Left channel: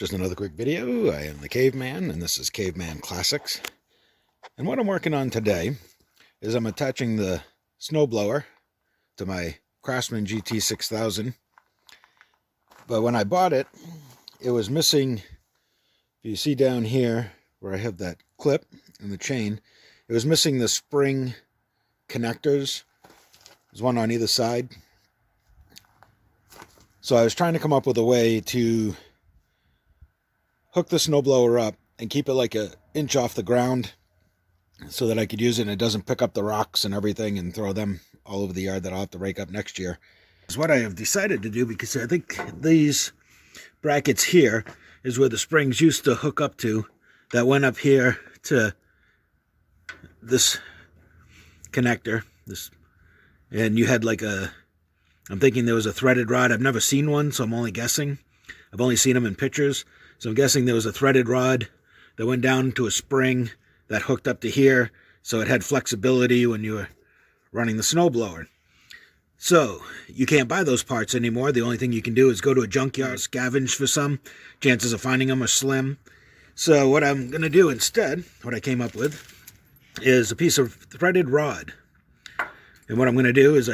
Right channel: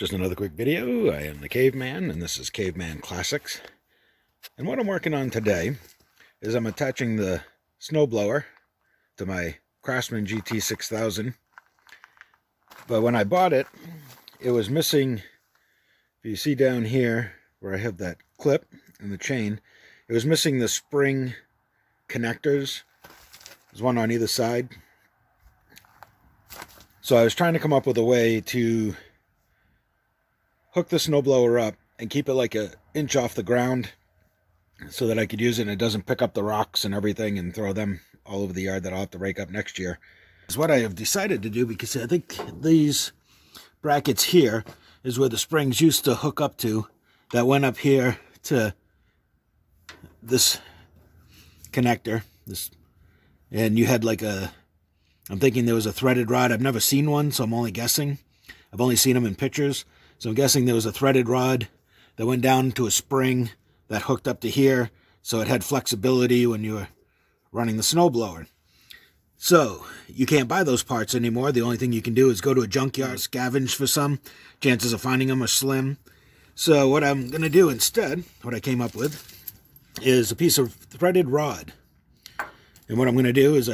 Just another quick video. I am the Caveman, and this is Caveman Classics. And what I'm working on today is I'm attaching the snowblower to my Craftsman GT6000. But when I bought it, it was missing, if you see down here where I have that clip and the chain, it was missing the spring connectors. There's one on either side. So I was trying to come up with a way to hook the snowblower up and keep it like an inch off the ground so that I could use it and it doesn't pick up the rocks and everything and throw them all over the yard that I'll have to rake up next year. Is what I have decided to do, because I think these brackets here is where the springs used to hook up to, that went up here to this connector, and you had like I'm thinking there was a threaded rod. I've never seen one, so I'm only guessing. I've only seen them in pictures. So I'm guessing there was a threaded rod that went down to a spring that hooked up to here, so it had flexibility when you were running the snowblower. So you can't buy those parts anymore. The only thing you can do is go to a junkyard, scavenge for some. Chances of finding them are slim. So what I'm going to do instead, what I came up with, is a piece of threaded rod. And what I'm going to do is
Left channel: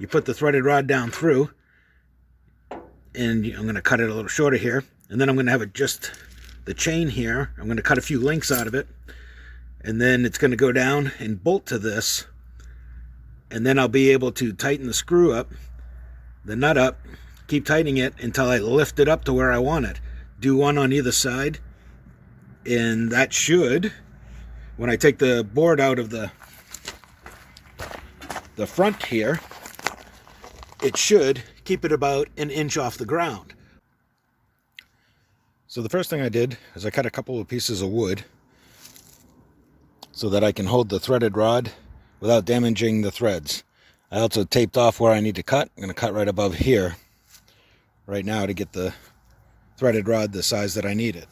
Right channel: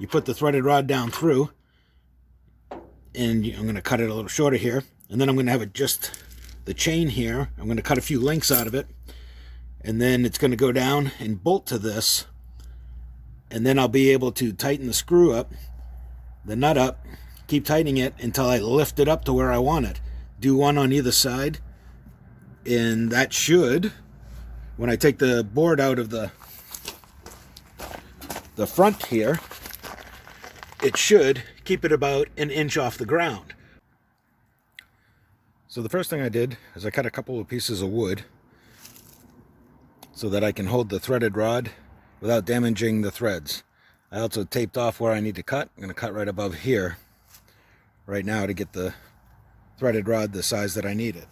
you put the threaded rod down through, and I'm going to cut it a little shorter here. And then I'm going to have it just the chain here. I'm going to cut a few links out of it. And then it's going to go down and bolt to this. And then I'll be able to tighten the screw up, the nut up, keep tightening it until I lift it up to where I want it. Do one on either side. And that should, when I take the board out of the front here, it should keep it about an inch off the ground. So the first thing I did is I cut a couple of pieces of wood so that I can hold the threaded rod without damaging the threads. I also taped off where I need to cut. I'm going to cut right above here right now to get the threaded rod the size that I need it.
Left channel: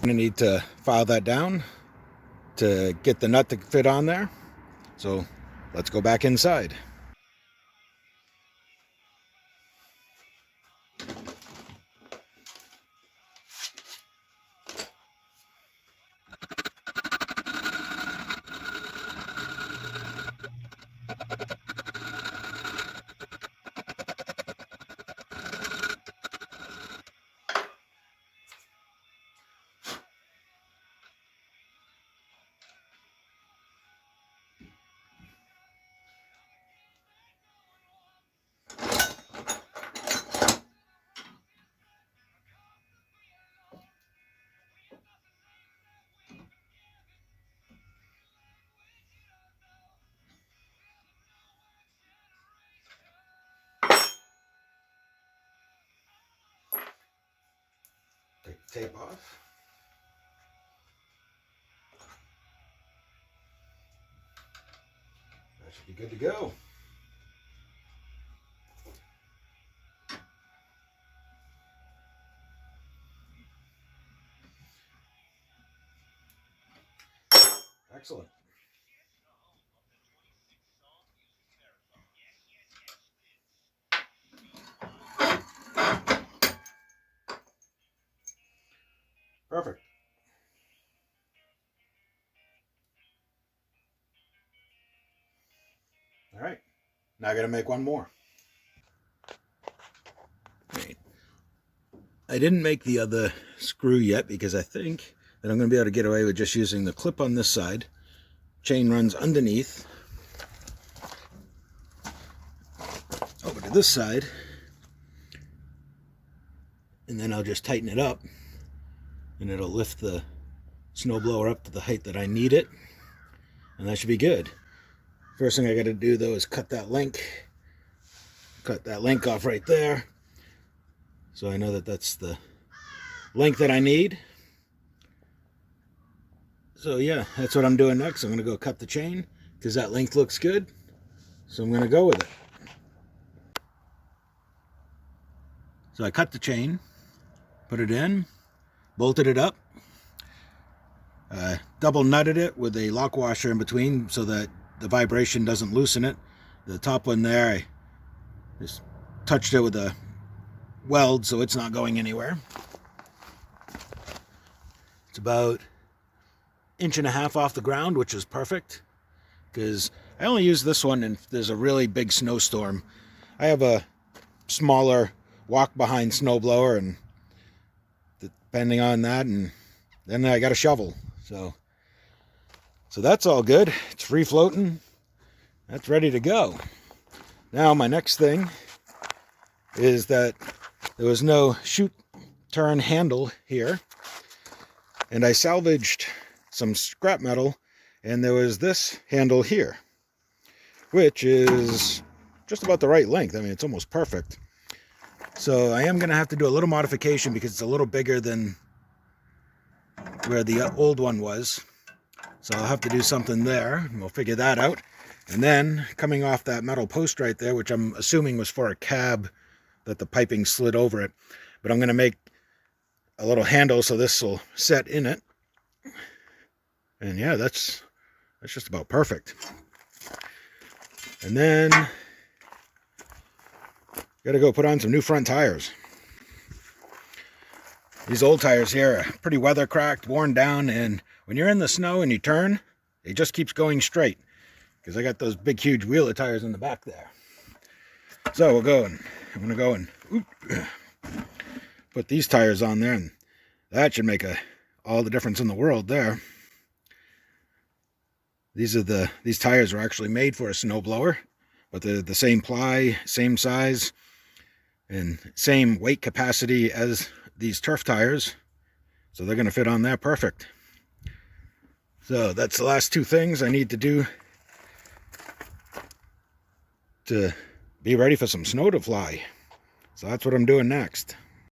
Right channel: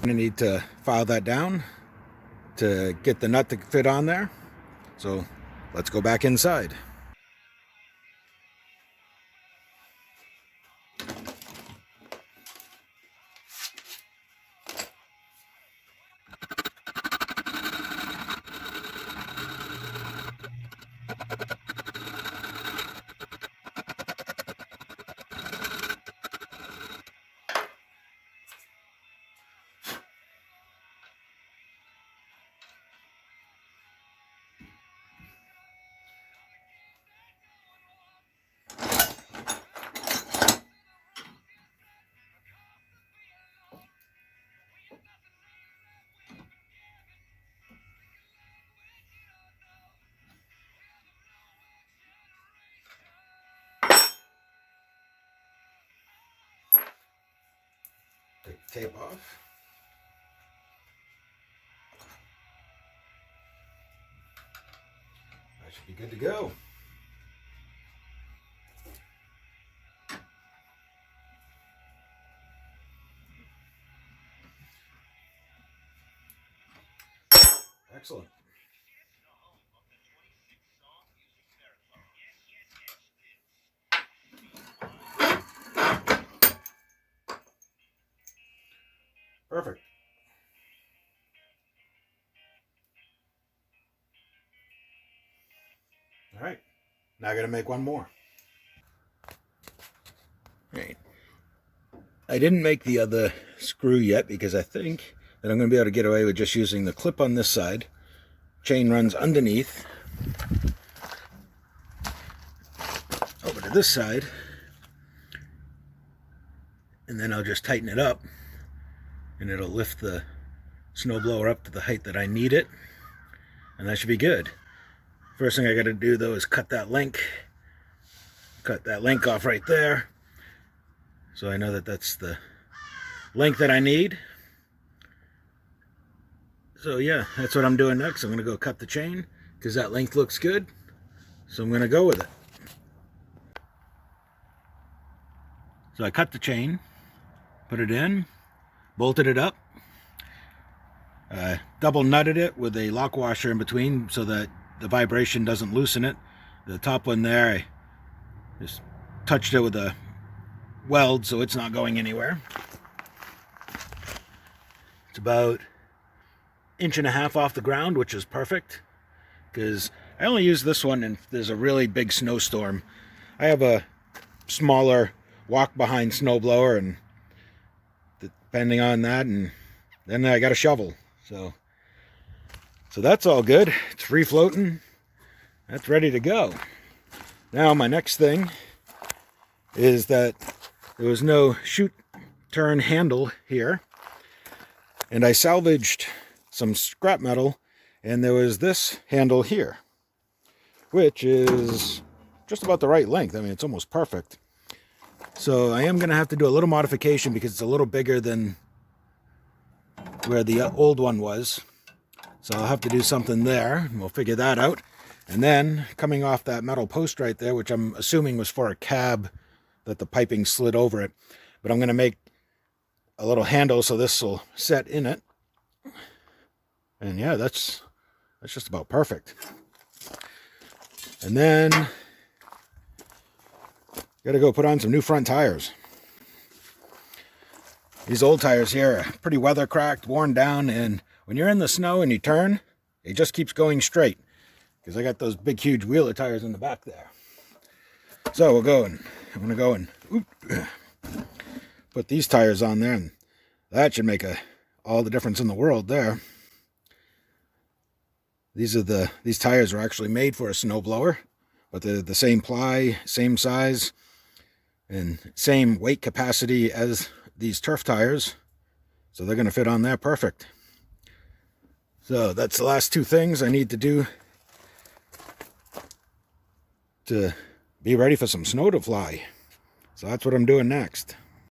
I'm going to need to file that down to get the nut to fit on there. So let's go back inside. Take the tape off. That should be good to go. Excellent. Perfect. All right. Now I got to make one more. All right. I didn't make the other screw yet because I think that I'm going to be able to get away with just using the clip on this side. Chain runs underneath over to this side, and then I'll just tighten it up and it'll lift the snowblower up to the height that I need it, and that should be good. First thing I got to do though is cut that link off right there, so I know that that's the length that I need. So yeah, that's what I'm doing next. I'm going to go cut the chain because that length looks good. So I'm going to go with it. So I cut the chain, put it in, bolted it up, double nutted it with a lock washer in between so that the vibration doesn't loosen it. The top one there, I just touched it with a weld so it's not going anywhere. It's about 1.5 inches off the ground, which is perfect because I only use this one if there's a really big snowstorm. I have a smaller walk behind snowblower, and depending on that, and then I got a shovel. So that's all good. It's free floating. That's ready to go. Now my next thing is that there was no shoot turn handle here, and I salvaged some scrap metal, and there was this handle here, which is just about the right length. I mean, it's almost perfect. So I am going to have to do a little modification because it's a little bigger than where the old one was. So I'll have to do something there. We'll figure that out. And then coming off that metal post right there, which I'm assuming was for a cab that the piping slid over it, but I'm going to make a little handle so this will set in it. And yeah, that's just about perfect. And then got to go put on some new front tires. These old tires here are pretty weather cracked, worn down, and when you're in the snow and you turn, it just keeps going straight because I got those big, huge wheeler tires in the back there. So I'm going to go and put these tires on there, and that should make all the difference in the world there. These tires are actually made for a snowblower, but they're the same ply, same size, and same weight capacity as these turf tires, so they're going to fit on there perfect. So that's the last two things I need to do to be ready for some snow to fly. So that's what I'm doing next.